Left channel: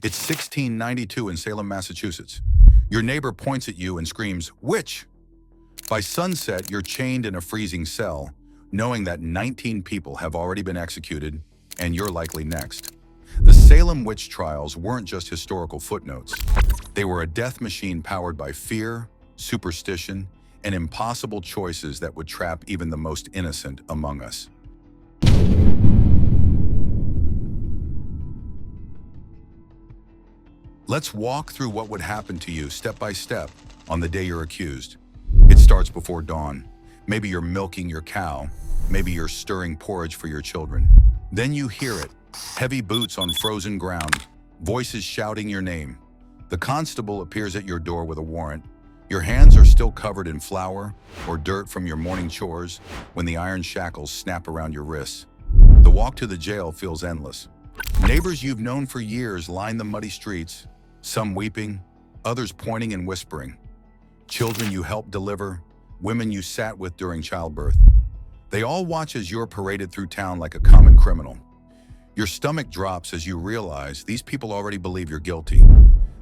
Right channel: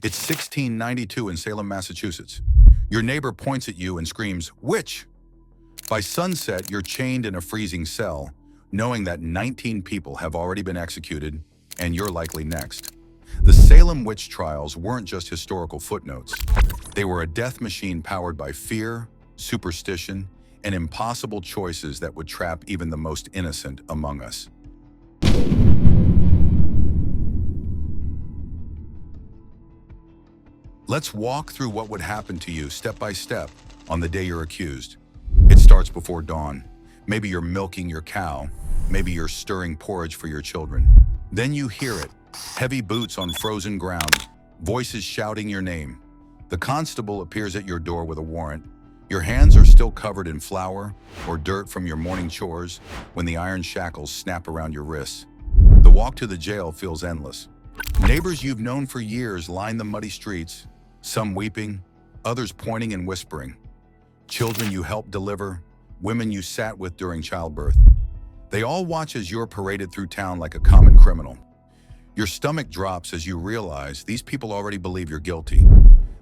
It's 1692 in Salem, Massachusetts. Your neighbor points at you and screams, "Witch!" By sunset, you're chained in a freezing cell, knowing that 19 people have already been executed, and you're likely next. The Salem witch trials weren't just historical footnotes. They were a death machine powered by fear, superstition, and impossible choices that would trap even the most innocent among us. Let's walk through what would happen to you step by step on the day you're accused. It starts before dawn. Maybe you're milking your cow. Maybe you're stirring porridge for your children. Then you hear it. Heavy boots on frozen ground. Voices shouting your name. The constable appears at your door with a warrant. Your hands are still covered in flour or dirt from your morning chores when the iron shackles snap around your wrists. The walk to the jail feels endless. Neighbors you've known for years line the muddy streets, some weeping, others pointing and whispering. Children you helped deliver, women you sat with during childbirth. They all watch as you're paraded through town like a common criminal. Your stomach drops as you realize these people already believe you're guilty.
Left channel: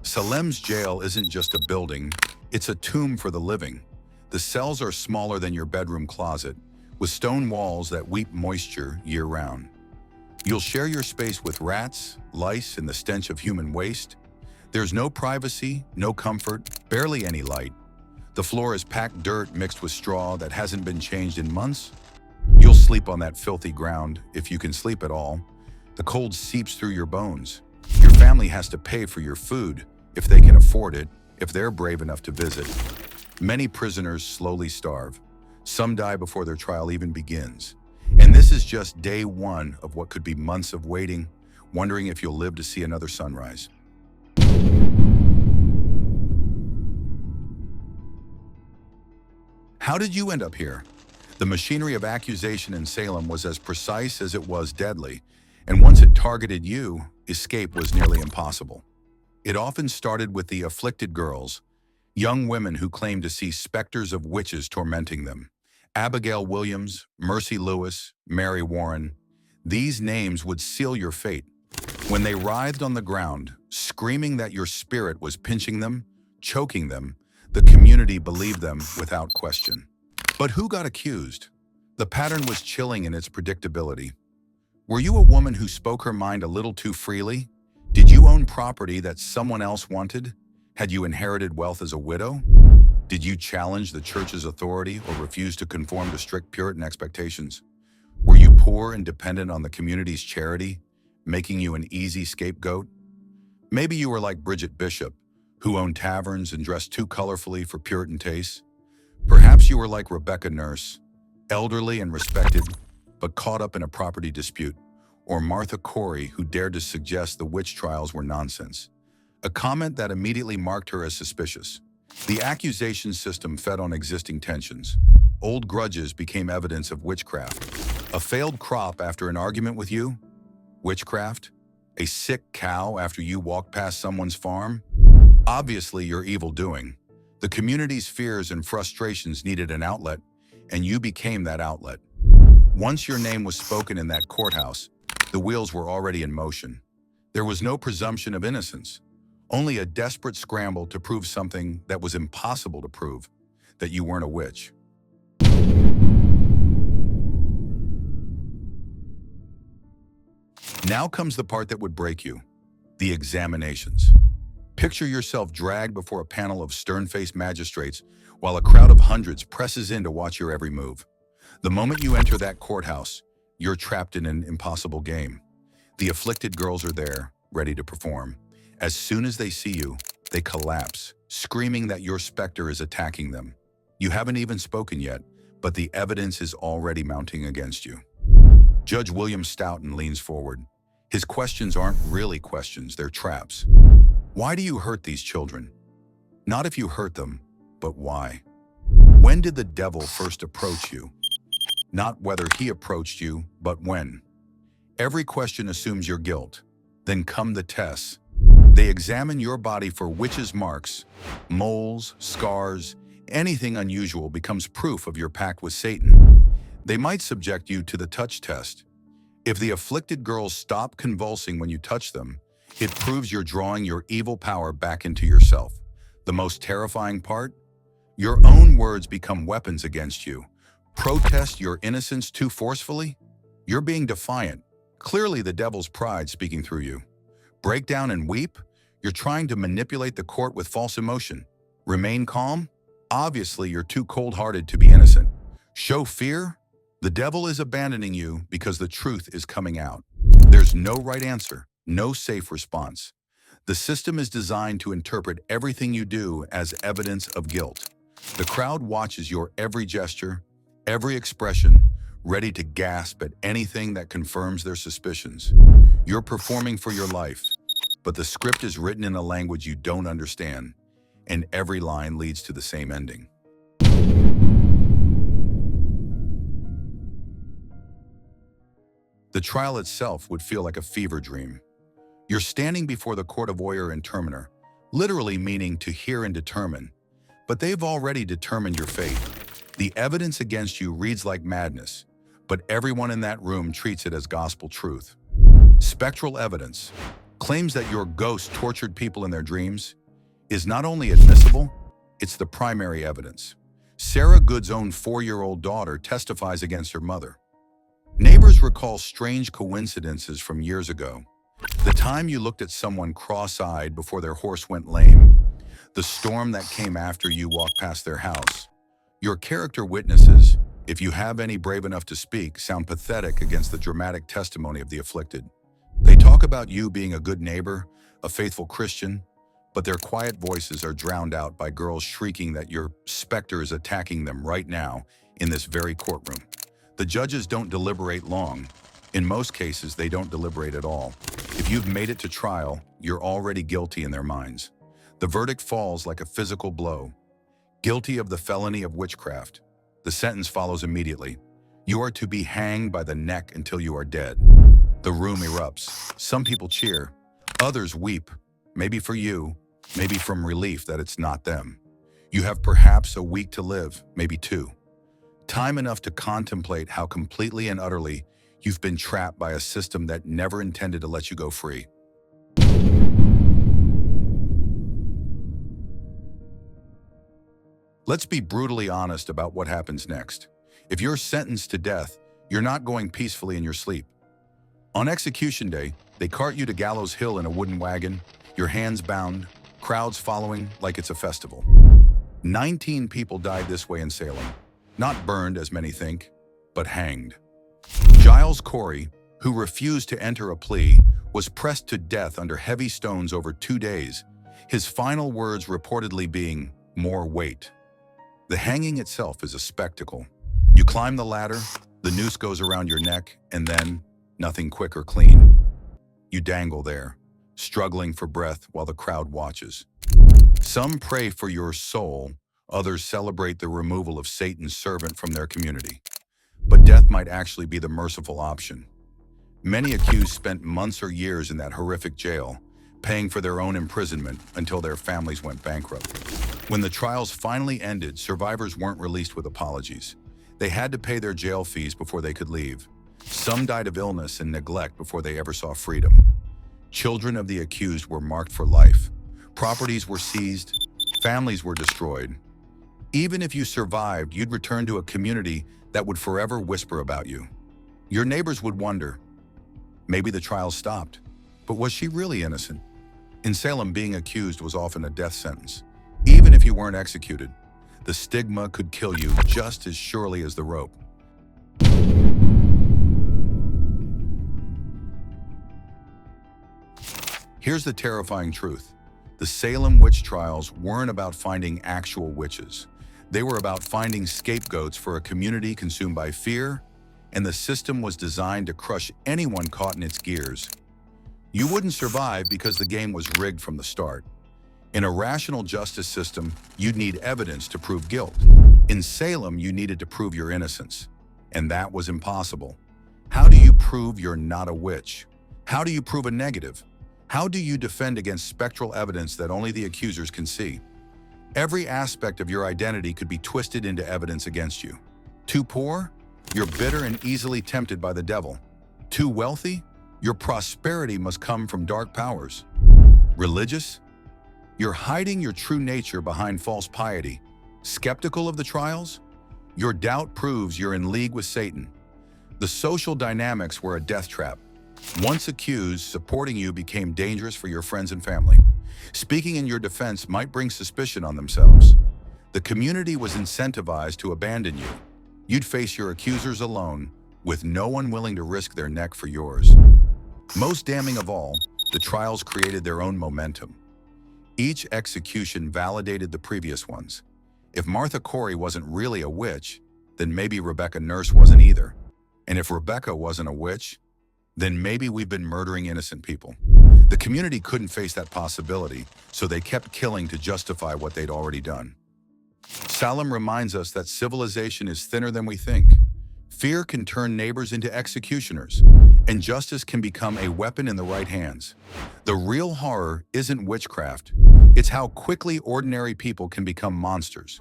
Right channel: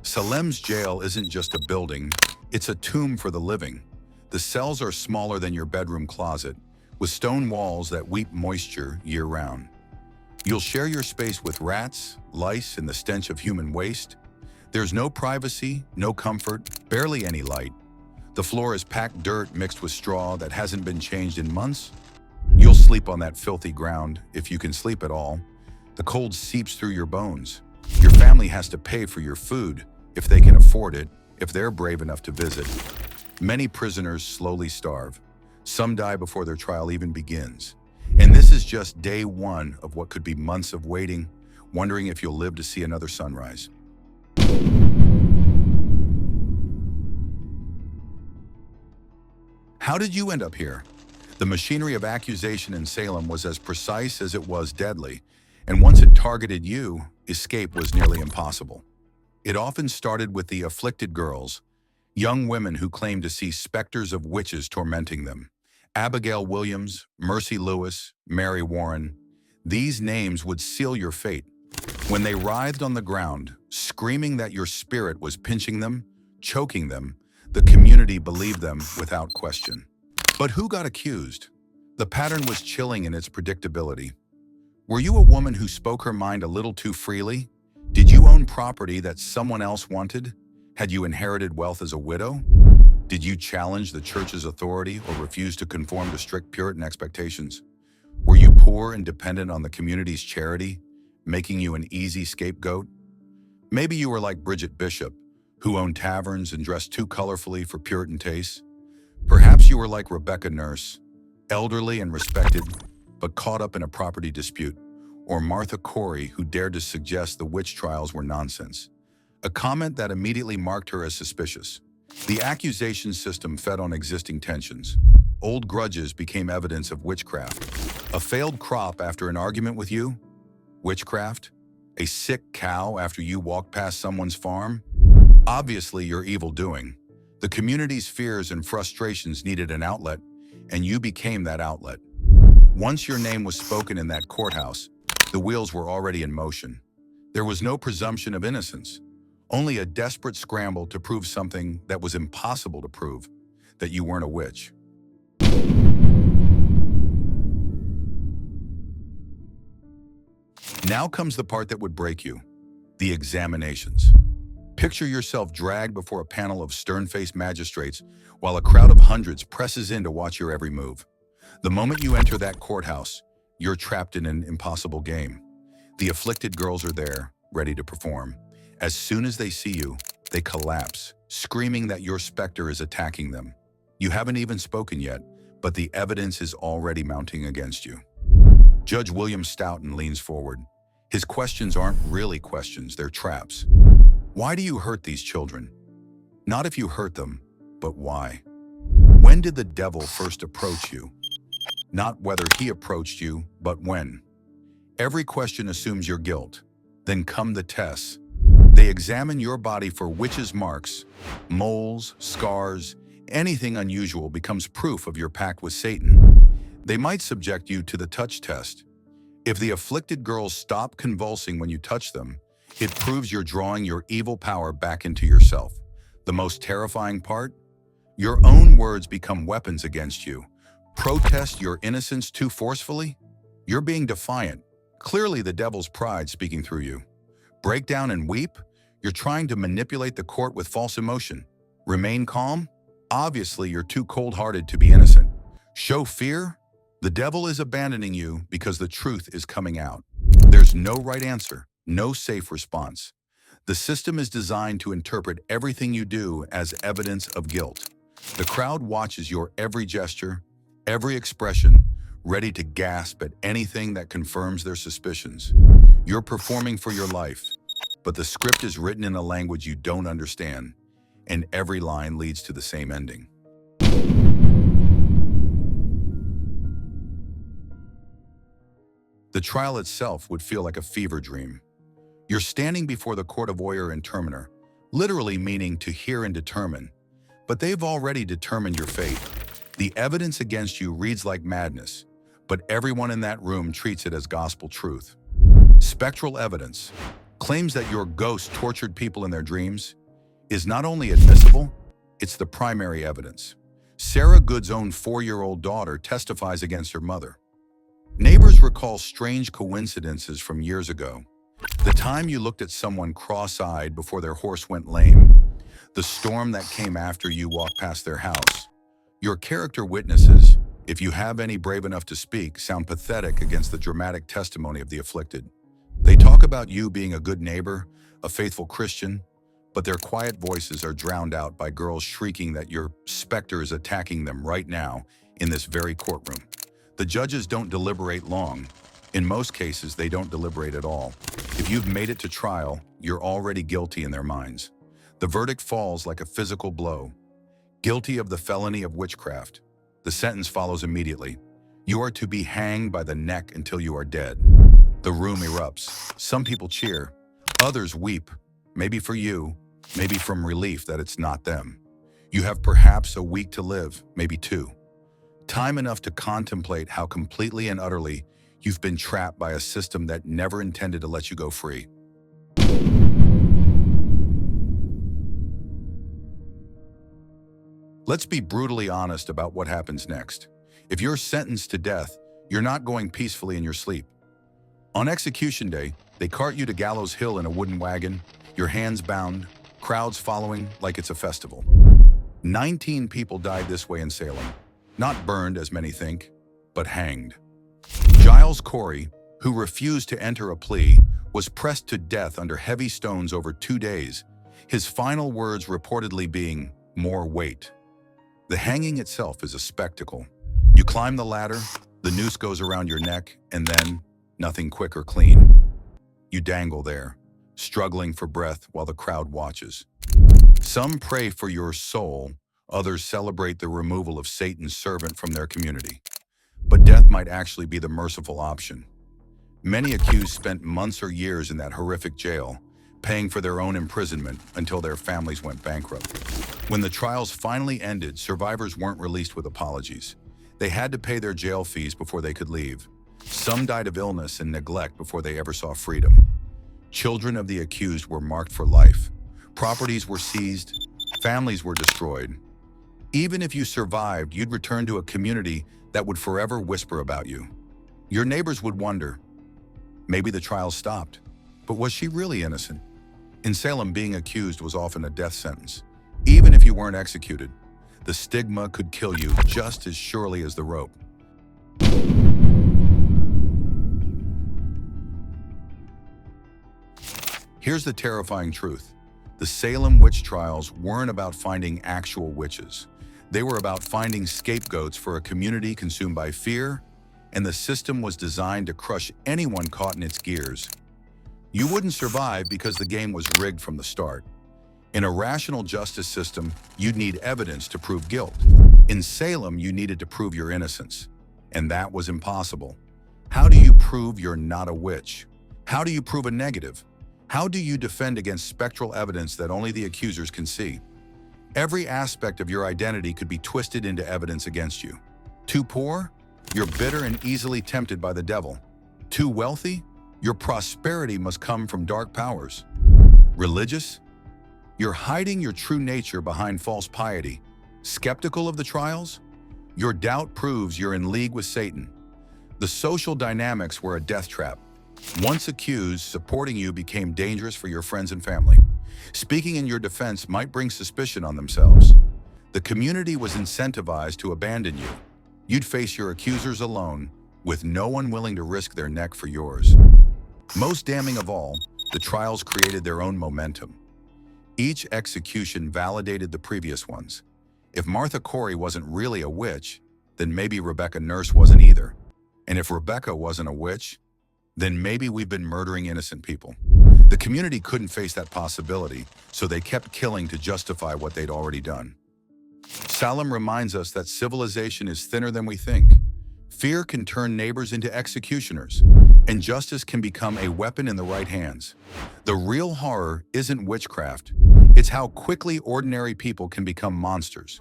Salem's jail isn't just a building, it's a tomb for the living. The cells are smaller than your bedroom closet, with stone walls that weep moisture year-round. You'll share your space with rats, lice, and the stench of human waste. There's no privacy, no comfort, barely any light. The floor is packed dirt mixed with straw that hasn't been changed in months. You'll sleep on that filthy ground, if you can sleep at all. The cold seeps through your bones. Your family has to pay for your food, if they can afford it, if they're brave enough to visit. Many prisoners slowly starve. Some die before their trial even begins. And this is just day one of what could be months of waiting, wondering if you'll live to see another sunrise. How did you end up here? The machinery of accusation in Salem was as precise as it was deadly, and once it targeted you, escape was nearly impossible. It often started with the afflicted girls, young women who claimed to see specters of witches tormenting them. Abigail Williams, Mercy Lewis, Mary Warren. These names would seal your fate. When they writhed on the ground, screaming that your spirit was pinching them, choking them, the community believed them without question. But who got accused? The pattern was chilling in its predictability. Were you a woman who spoke her mind a little too freely? Did you own property that someone else wanted? Had you inherited wealth as a widow? Did you challenge the church's authority or refuse to conform to strict Puritan expectations? Were you poor and dependent on the community's charity, making you an easy scapegoat? Maybe you were like Bridget Bishop, who owned taverns and dressed too colorfully for Puritan tastes. Perhaps you were like Rebecca Nurse, elderly and respected, but caught up in a property dispute, or Martha Corey, who dared to suggest the witch trials were nonsense, a comment that immediately marked her as suspicious. The accusation system fed on existing tensions. Old grudges became evidence of witchcraft. A failed crop after an argument with you? Witchcraft? A sick cow after you walked past someone's farm? Obviously, your evil doing. The community's fears and frustrations needed an outlet, and you became that outlet. Once your name was spoken in that courthouse, the wheels were already in motion. There was no presumption of innocence, only a desperate scramble to prove something that was impossible to prove, that you weren't a witch. Now comes the part that would break you, the examinations. Picture yourself dragged before a panel of stern-faced magistrates while a crowd of hundreds presses in to watch your every move. The moment you enter that courthouse, you're trapped in an impossible game. The afflicted girls are there, ready to perform. As soon as they see you, they collapse, screaming that your specter is attacking them. You haven't even spoken yet, but the evidence is already mounting against you. Judge William Stoughton leans forward. His questions aren't really questions, they're traps. Why do you hurt these children? Not if you hurt them, but why? When did the devil first approach you? Not whether he approached you, but when. Every question assumes your guilt. Then come the tests. They examine your body for witches' marks, moles, scars. Anything unusual becomes proof of your pact with Satan. They might subject you to the touch test. If the afflicted girls stop convulsing when you touch them, It proves you're drawing your evil power back into yourself. The most terrifying part? Your own words become weapons against you. Protest your innocence too forcefully? You're being defiant. Clearly the devil's pride speaking through you. Break down and weep? You're trying to manipulate the court with false emotion. Remain calm? Obviously you're too cold-hearted to be innocent. Show fear? The devil is abandoning you because the truth is coming out. There's no right answer, no safe response. The system is designed to interpret everything you do as evidence of guilt. The crowd watches your every gesture, every expression, ready to gasp at anything that confirms their suspicions. You're performing for your life, but the script is written in a language you don't understand, and every line leads to the same ending. The trial itself would feel like a fever dream. You're standing before the court of oyer and terminer, literally meaning to hear and determine, but they've already determined your fate. The evidence against you reads like madness, but everyone in that room treats it as gospel truth. Spectral evidence claims that your ghost tortured people in their dreams is not only admissible, it's the primary evidence. Sarah Good's own 4-year-old daughter testifies against her mother. Neighbors recall strange coincidences from years ago. The time you looked at someone cross-eyed before their horse went lame. The storm that came after you walked past their house. Your character witnesses, if you have any brave enough to speak, sound pathetic against the dramatic testimony of the afflicted. They talk about you being a good neighbor, a faithful Christian, but their quiet voices are drowned out by girls shrieking that your specter is attacking them right now in this very courtroom. The judges don't deliberate long. In most cases, they don't deliberate at all. If you've made it to trial, you're already guilty in their minds. The verdict falls like a physical blow. Guilty of the felony of witchcraft. The sentence follows immediately. You are to be hanged by the neck until you are dead. The room erupts. Some people cheer. Others weep. Maybe for you, maybe from relief that it's not them. You have perhaps a week to live, maybe 2. Time enough to contemplate how completely and utterly you've been trapped by a system that never intended to let you go free. Let's be brutally honest about what happens next. If you're sentenced to death, you're not going peacefully in your sleep. On execution day, they cart you to Gallows Hill in a wooden wagon, your hands bound, crowds following like it's a festival. 19 people died this way in Salem. Not burned, as many think, but hanged. Giles Corey, who refused to enter a plea, was pressed to death under heavy stones over 2 days, his final words reportedly being, "More weight." The hanging itself is a spectacle. You climb the ladder, the noose goes around your neck, and then, nothing quick or clean. You dangle there, struggling for breath while the crowd watches. Some pray for your soul, others celebrate the removal of Satan's servant from their community. But death might actually be the merciful option. Many accused spent months or years in that horrific jail, paying for their own imprisonment until their families went bankrupt. When the trials finally ended, survivors weren't released with apologies. They had to pay their jail fees before they could leave. Some died of illness and neglect before they ever saw freedom. Children of the accused were marked for life. Properties were seized, families were destroyed. Even if you survived, you'd return to a community that would forever whisper about you. Your neighbors would wonder, maybe the trial stopped, but was she really innocent? In Salem, being accused was often a death sentence. Even if you weren't executed, the stigma could kill you just as surely as the rope. Here's the terrifying truth. The Salem witch trials weren't about finding actual witches. They were about finding scapegoats for a community consumed by fear, and the system was designed to crush anyone caught in its gears. You wouldn't survive because the game was rigged from the start. In a rational justice system, you'd need evidence to prove guilt. In Salem, you needed to prove your innocence, and that was impossible. How do you prove you're not a witch? How do you prove a negative? How do you defend against spectral evidence that only the accusers can see? Every aspect of your identity could be twisted into evidence against you. Too poor? You're bitter and easily tempted by the devil. Too wealthy? Your prosperity must come from dark powers. Religious? You're hiding your true nature behind false piety. Skeptical of the trials? Your doubt proves you're in league with Satan. The social dynamics were a death trap. Once accused, supporting you became dangerous for your friends and family. Speaking in your defense might bring suspicion on themselves. The community was incentivized to abandon you. You'd face your accusers alone, with no one willing to risk their neck for yours. Most damning of all, the trials created their own momentum. Each execution validated the previous ones. If Martha Corey wasn't really a witch, then maybe Rebecca Nurse wasn't either. And if Rebecca wasn't a witch, then maybe we've been murdering innocent people. The community couldn't face that possibility, so they kept killing to justify what they'd already done. Salem reminds us that civilization is thinner than we think. Fear can turn neighbors into executioners, and justice can become a weapon in the right hands. The real horror isn't witchcraft, it's how quickly ordinary people can become monsters.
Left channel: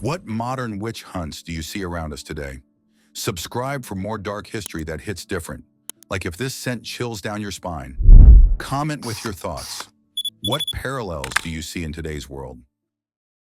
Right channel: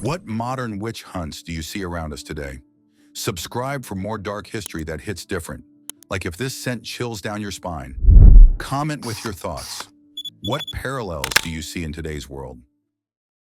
What modern witch hunts do you see around us today? Subscribe for more dark history that hits different, like if this sent chills down your spine. Comment with your thoughts. What parallels do you see in today's world?